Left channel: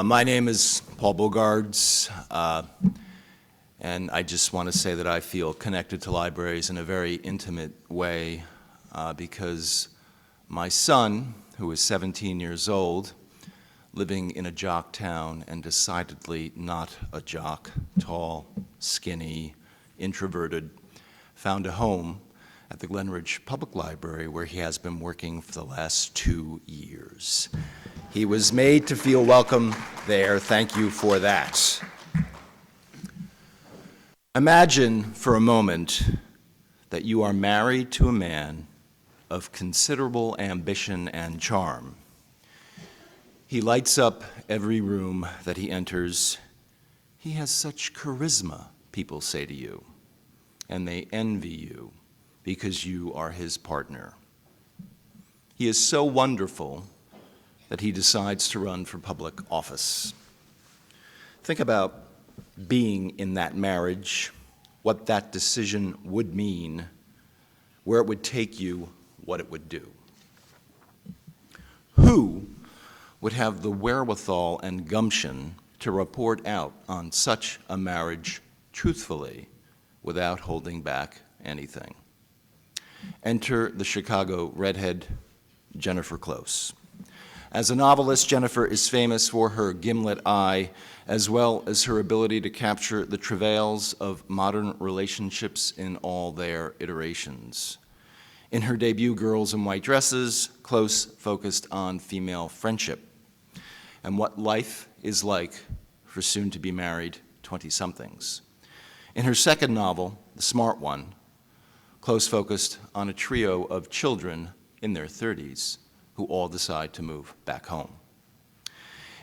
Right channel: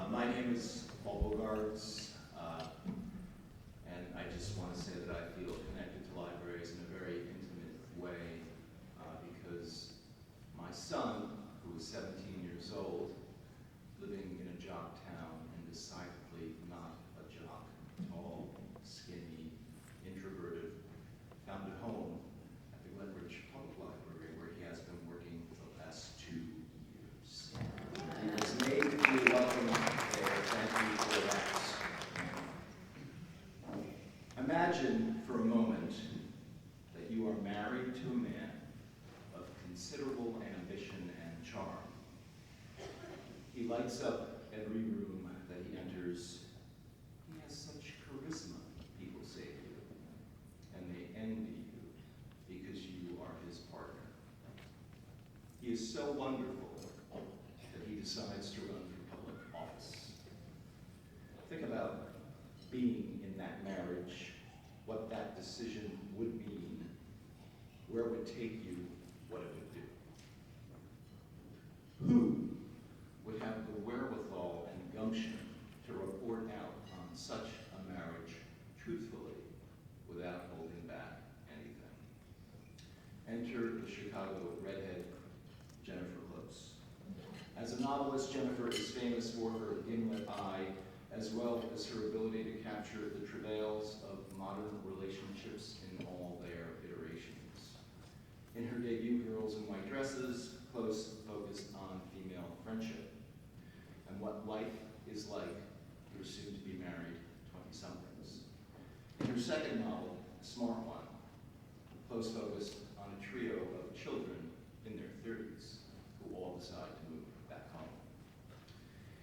My name is Paul Bogards, and I just want to say that I feel connected to libraries in a very intimate way because my son, who is 17 years old, living in a jock town and decidedly not a jock, tall, skinny, introverted, found a home at the Glenridge Public Library where he has been working for the last 2 years. He was made to feel welcome there. Thank you for that. Imagine for a moment that you are married to a man of considerable ambition and charm. He lights up every room that he enters. He has such charisma, people say to you, and they envy you because you are his partner. He is so wonderful that he decides to run for public office. Think about being in that marriage, what that decision would mean, where it would take you, what it would do. Who would have the wherewithal and gumption to report out on such a marriage truthfully without holding back anything? Enter the Chicago redhead, Jennifer Close. As a novelist, Jennifer is famous for her gimlet eye, as well as her ability to capture the travails of modern relationships in all their iterations. In her debut, Girls in White Dresses, Close focused on female friendship and what life is like for soon-to-be-married 20-somethings. In her second novel, The Smart One, Close focused on a trio of children in their 30s who all decide to move back home.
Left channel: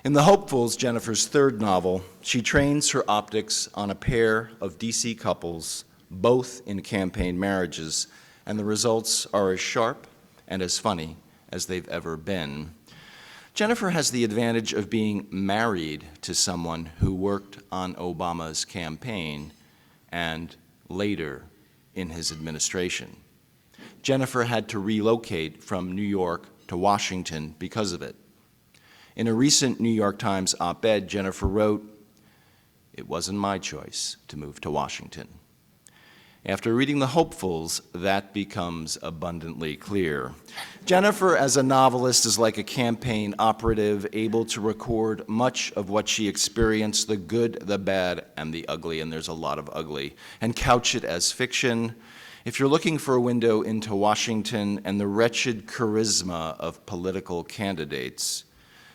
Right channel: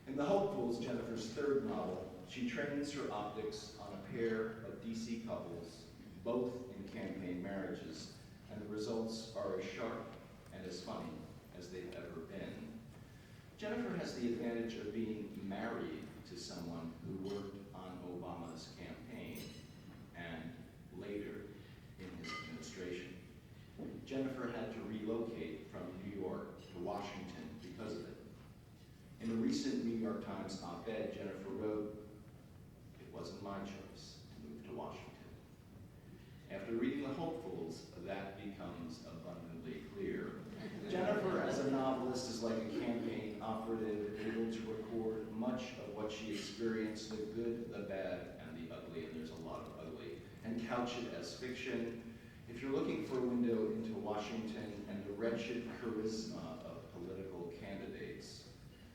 In The Hopefuls, Jennifer's third novel, she trains her optics on a pair of DC couples, both in campaign marriages, and the results are as sharp and as funny as they've ever been. Jennifer has the advantage of being married to someone who worked on Obama's campaign and later in his administration. Jennifer had to relocate from New York to Washington because of it. In a recent New York Times op-ed, Jennifer wrote, "It wasn't my choice to move to Washington." After reading The Hopefuls, that becomes abundantly clear. Jennifer, as a novelist, is like a campaign operative, able to record much of what she experienced, the good, the bad, and the ugly, and there's a lot of ugly, and couch it as fiction. If you're looking for a window into Washington and the wretched charisma of political candidates,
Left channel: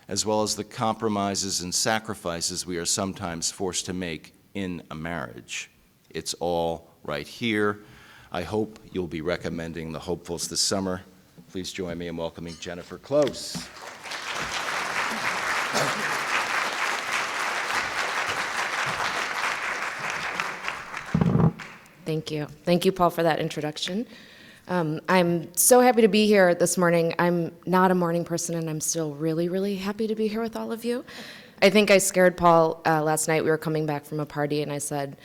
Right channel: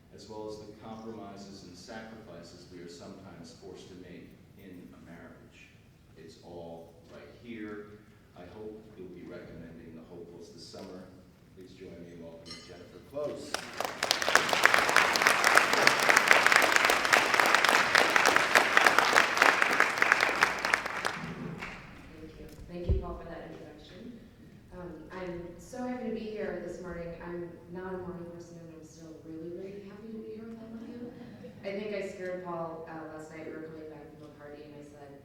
as well as the compromises and sacrifices we are sometimes forced to make in a marriage, it's all right here. I hope you'll be recommending The Hopefuls this summer. Please join me in welcoming Jennifer Close. Thank you. Thank you, Paul, for that introduction. I'm so happy to be here this morning. I'm not a morning person, and I'm still really, really happy to be here with all of you. I think I scared Paul last night. We were coming back from a party, and I said,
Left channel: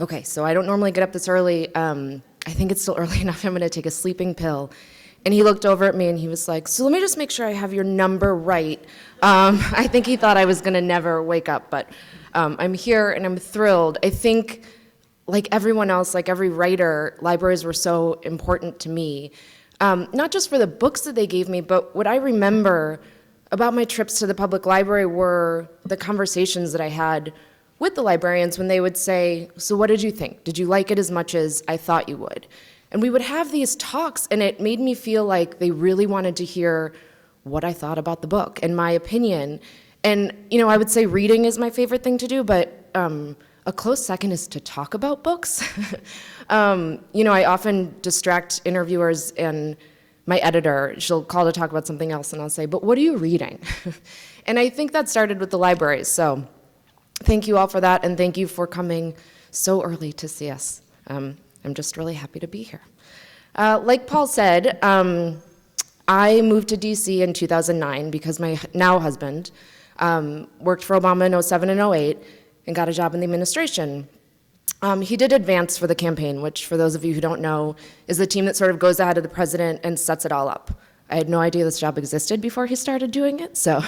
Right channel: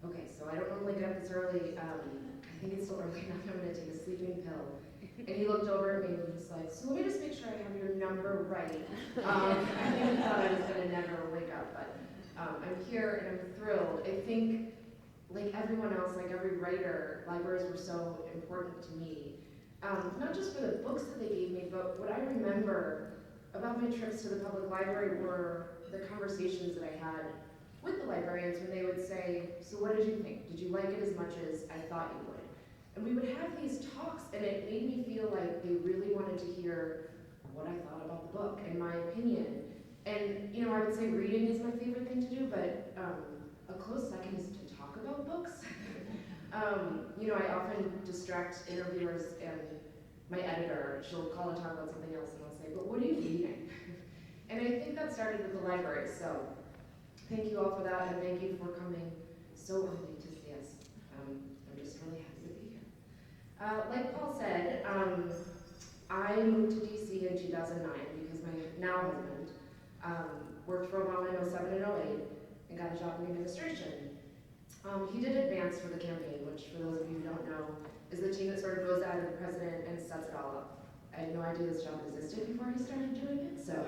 okay, so I don't normally get up this early. I think it's still early enough. I'm going to take a sleeping pill. And he looked over at me, and he was like, so let me just make sure I have your number right. I think he thought I was going to never wake up, but I'm here, and I'm thrilled. I think, like everyone else, like every writer, libraries were so important to me. Not just for the books that they gave me, but what I remember about my trips to the public library were the conversations that I had with the librarians when they would say, so what did you think? Did you like it as much as I thought you would? And we would have these talks, and it made me feel like they really wanted to hear what I thought about the book and my opinion. And I would say reading is my favorite thing to do, but a close second is to talk about books. I often distract interviewers, and my editor, she'll call to talk about something else, and I'll say, but what are you reading? And I think that started with the libraries, so thank you all for that, and thank you for coming so early to see us. I'm just really happy to be here. Like Paul said, I moved to DC in 2009 because my now husband worked for Obama in 07 and 08, and got a job in the administration. He did advance for the campaign, which for those of you who don't know, is the team that sort of goes ahead of the president and sets it all up. I had no idea this job existed before he started doing it, so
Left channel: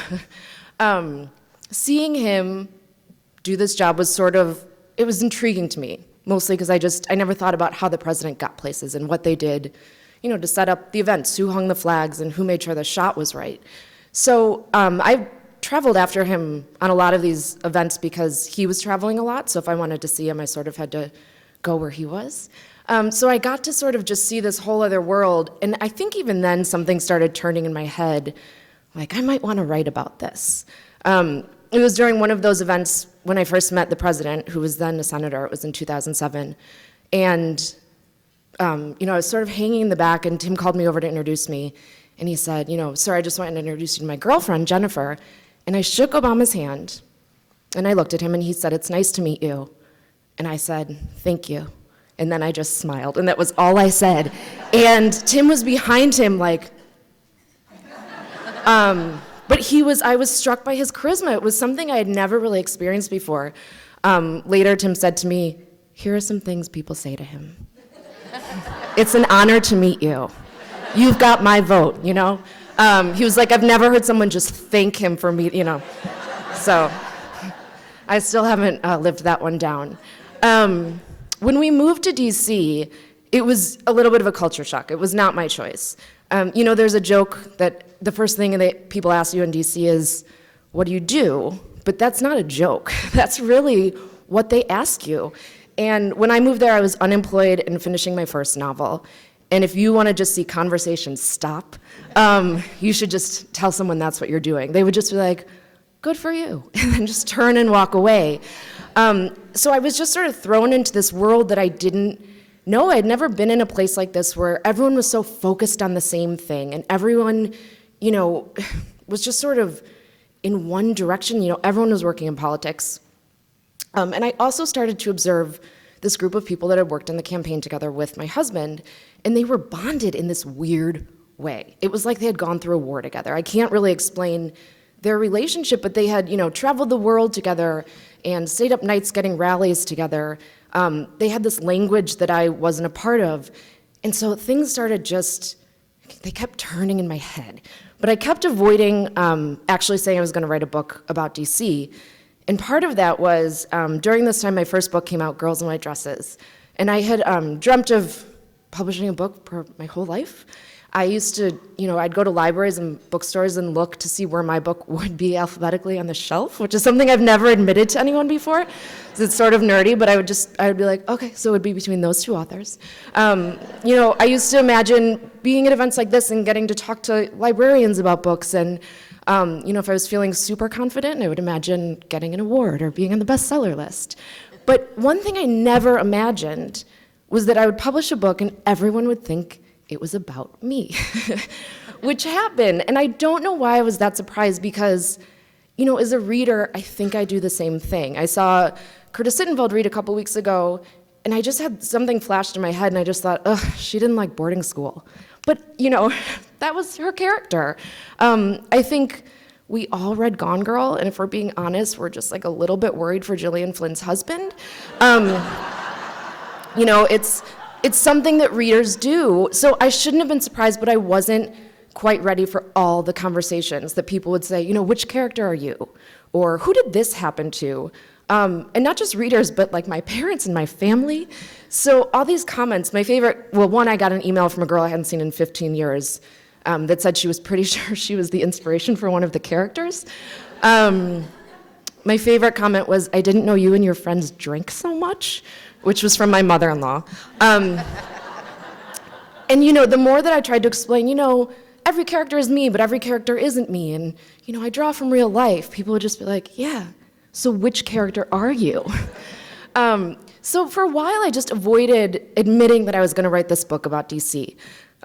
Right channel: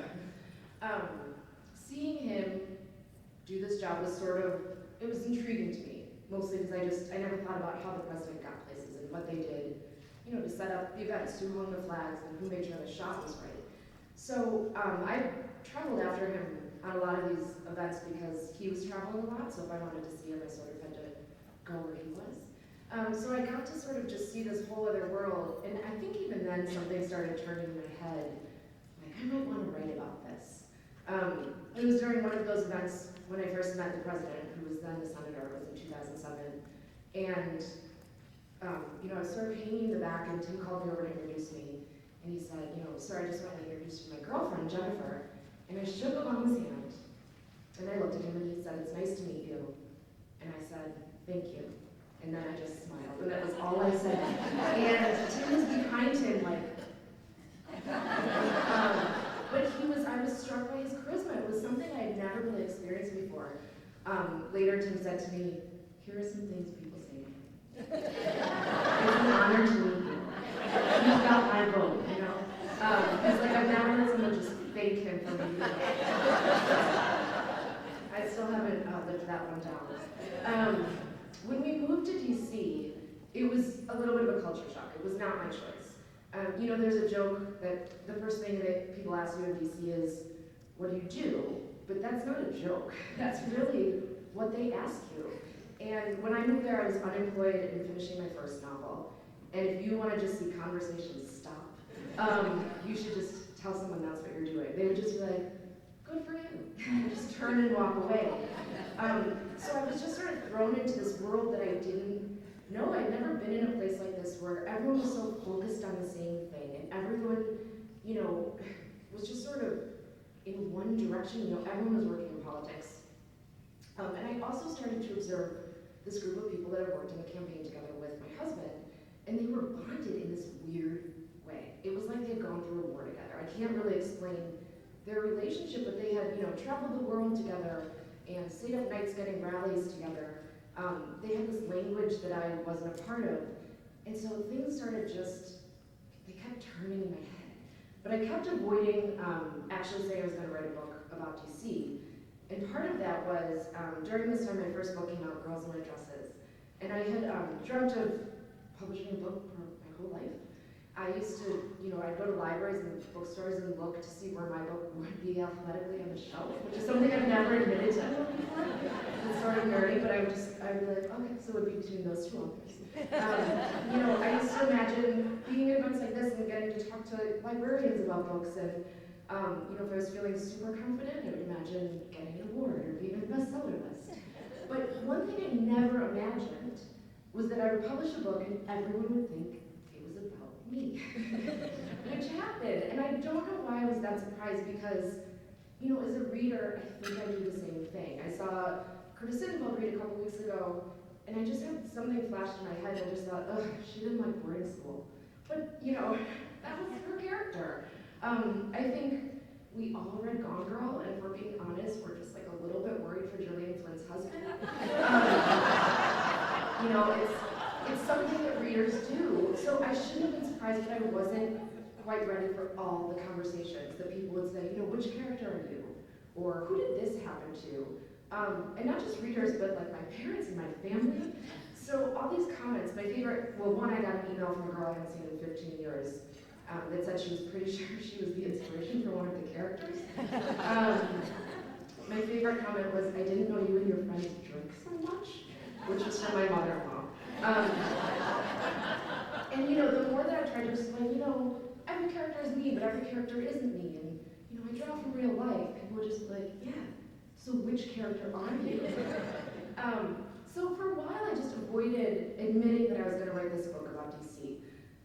seeing him do this job was it was intriguing to me, mostly because I never thought about how the president got places and what they did, to set up the events, who hung the flags and who made sure the shot was right. So I traveled after him on a lot of these events because he was traveling a lot, so if I wanted to see him, I sort of had to go where he was. So I got to sort of just see this whole other world, and I think even then something started turning in my head, like, I might want to write about this. It was during one of those events when I first met the president, who was then a senator. It was in 2007. And, I was sort of hanging in the back, and Tim called me over to introduce me. And he said, sir, I just wanted to introduce you to my girlfriend, Jennifer. And I shook Obama's hand, and I looked at him, and he said, it's nice to meet you. And I said, thank you. And then I just smiled, and that was all I said. And Tim was behind him, like, but I was struck by his charisma. It was something I had never really experienced before. Later, Tim said to me, here are some things people say to him. It's an honor to meet you. You've got my vote, He was like, I've never heard someone just thank him for me, So I still haven't lived that one down. When we moved to DC, it was a little bit of a culture shock. It was not my choice. There's a joke that the first thing that people ask you in DC is, what do you do? But that's not a joke. That's really what they ask you. And when I moved there, I was unemployed and finishing my first novel. And if you want to just see conversations stop, you should just tell someone that's what you're doing. They would just be like, good for you, and then just turn and walk away. So I was just sort of thrown into this world that I didn't know. I'd never been in a place like this where everyone was so focused on the same thing, and everyone, was just sort of in one direction. Everyone was working in politics. And I also started to observe this group of people that had worked in the campaign together with my husband, and they were bonded in this weird way. It was like they had gone through a war together. I can't really explain their relationship, but they had, traveled the world together and stayed up nights getting rallies together. They had this language that I wasn't a part of. And so things started they kept turning in my head. But I kept avoiding actually saying I was gonna write a book about DC. And part of that was, during this time, my first book came out, Girls in White Dresses. And I had dreamt of publishing a book for my whole life. I used to, I'd go to libraries and bookstores and look to see where my book would be alphabetically on the shelf, which is something I've never admitted to anyone before. It's sort of nerdy, but I would be like, okay, so it would be between those two authors. I used to imagine being at events like this and getting to talk to librarians about books, and if I was feeling super confident, I would imagine getting an award or being on the bestseller list. But one thing I never imagined was that I would publish a book and everyone would think it was about me, which happened. And I don't know why I was that surprised because, as a reader, I think I do the same thing. I saw Curtis Sittenfeld read a couple weeks ago, and I just had something flashed in my head, and I just thought, ugh, she didn't like boarding school. But, that was her character. I think we all read Gone Girl, and if we're being honest, we're just like a little bit worried for Gillian Flynn's husband. It's something that readers do. So I shouldn't have been surprised, but I wasn't quite ready for all the conversations that people would say, which character are you? Or who did this happen to? And not just readers, but like my parents and my family. So all these comments, my favorite, one, I got an email from a girl I hadn't seen in 15 years that said she was pretty sure she was the inspiration for one of the characters. My favorite comment was, I didn't know you and your friends drink so much, which was from my mother-in-law. And the more that I tried to explain, every character is me, but every character isn't me. And, I draw from real life. People would just be like, yeah, so which character are you? So for a while, I just avoided admitting that I was gonna write this book about DC.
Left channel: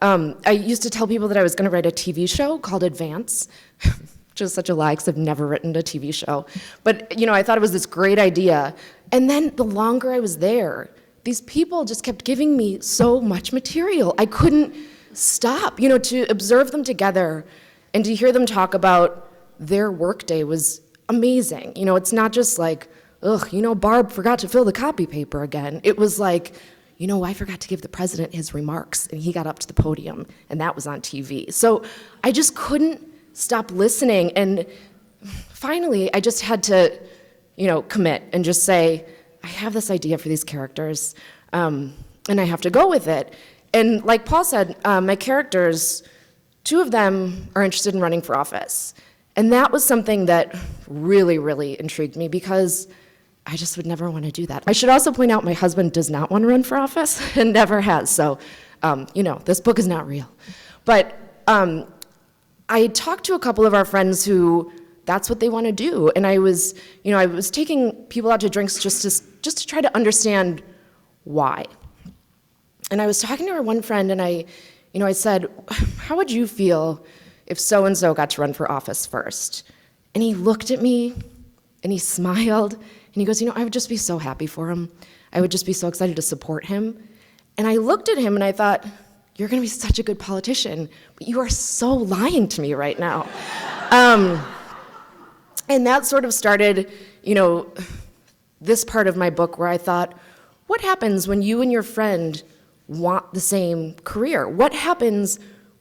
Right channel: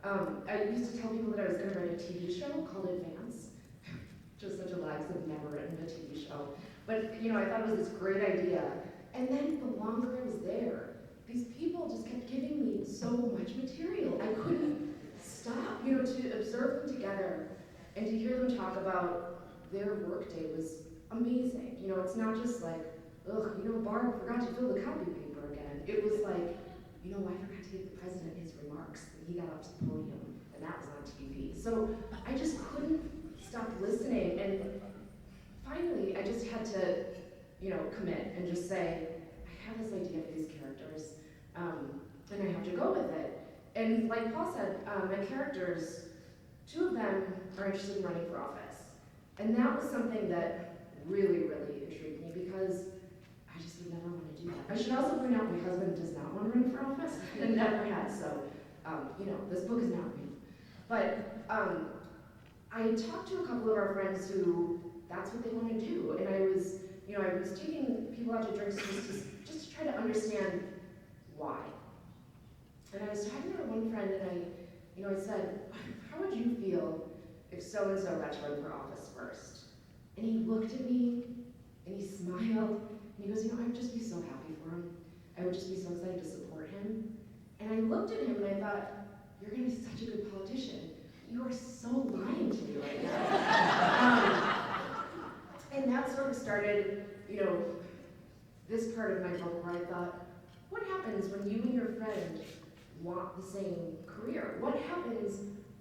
I used to tell people that I was gonna write a TV show called Advance, which is such a lie, because I've never written a TV show. But, I thought it was this great idea. And then the longer I was there, these people just kept giving me so much material. I couldn't stop, to observe them together and to hear them talk about their workday was amazing. It's not just like, ugh, Barb forgot to fill the copy paper again. It was like, I forgot to give the president his remarks, and he got up to the podium, and that was on TV. So I just couldn't stop listening, and finally, I just had to, commit and just say, I have this idea for these characters, and I have to go with it. And like Paul said, my characters, 2 of them are interested in running for office. And that was something that really, really intrigued me because I just would never want to do that. I should also point out my husband does not want to run for office and never has. So, this book is not real. But I talked to a couple of our friends who that's what they want to do. And I was taking people out to drinks just to try to understand why. And I was talking to our one friend and I said, how would you feel if so-and-so got to run for office first? And he looked at me and he smiled and he goes, I would just be so happy for him. I would just be so excited to support him. And I looked at him and I thought, you're gonna be such a good politician, but you are so lying to me right now. And that sort of started, this part of my book where I thought, what happens when you and your friend want the same career? What happens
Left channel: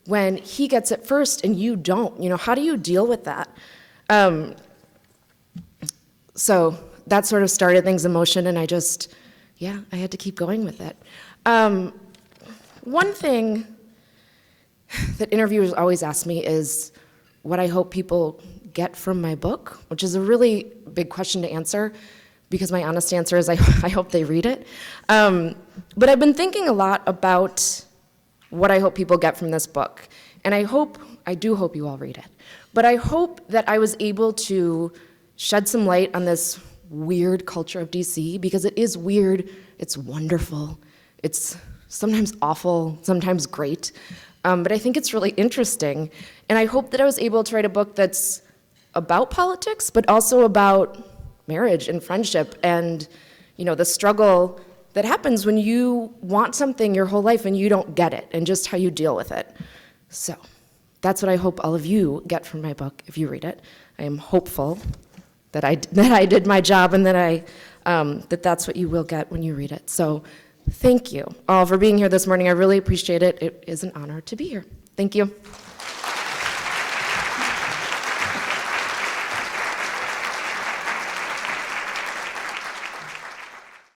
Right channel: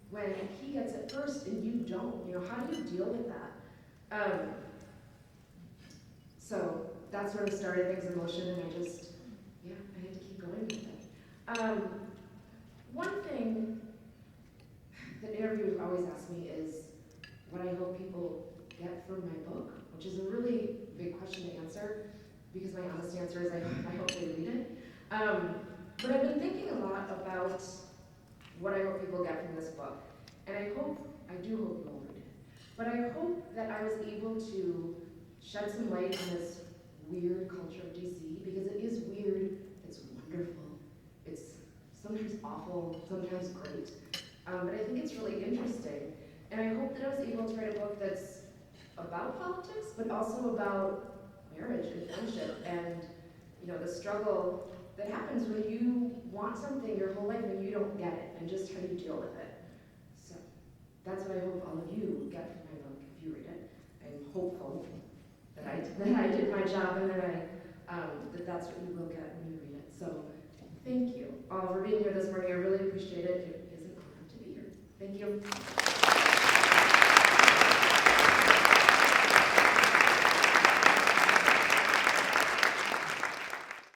when he gets it first and you don't? How do you deal with that? So that sort of started things in motion, and I had to keep going with it. One thing that interviewers always ask me is what I hope people get from my book, which is a really big question to answer because my honest answer is I hope they read it. But I've been thinking a lot about what I hope people get from this book. And I do hope you all read it. But I hope that I was able to shed some light on this weird culture of DC, because it is weird, it's wonderful, it's sometimes awful, sometimes great. But I think it's really interesting. And I hope that I was able to write a book that's about politics, but also about marriage and friendship and, the struggle that happens when you want something your whole life and you don't get it, and just how you deal with it. So that's what I hope all of you get from my book if you read it. I am hopeful that I did my job and that that's what you will get when you read it. So thank you all for being here this morning. I really appreciate it. It is an honor to be here. Thank you.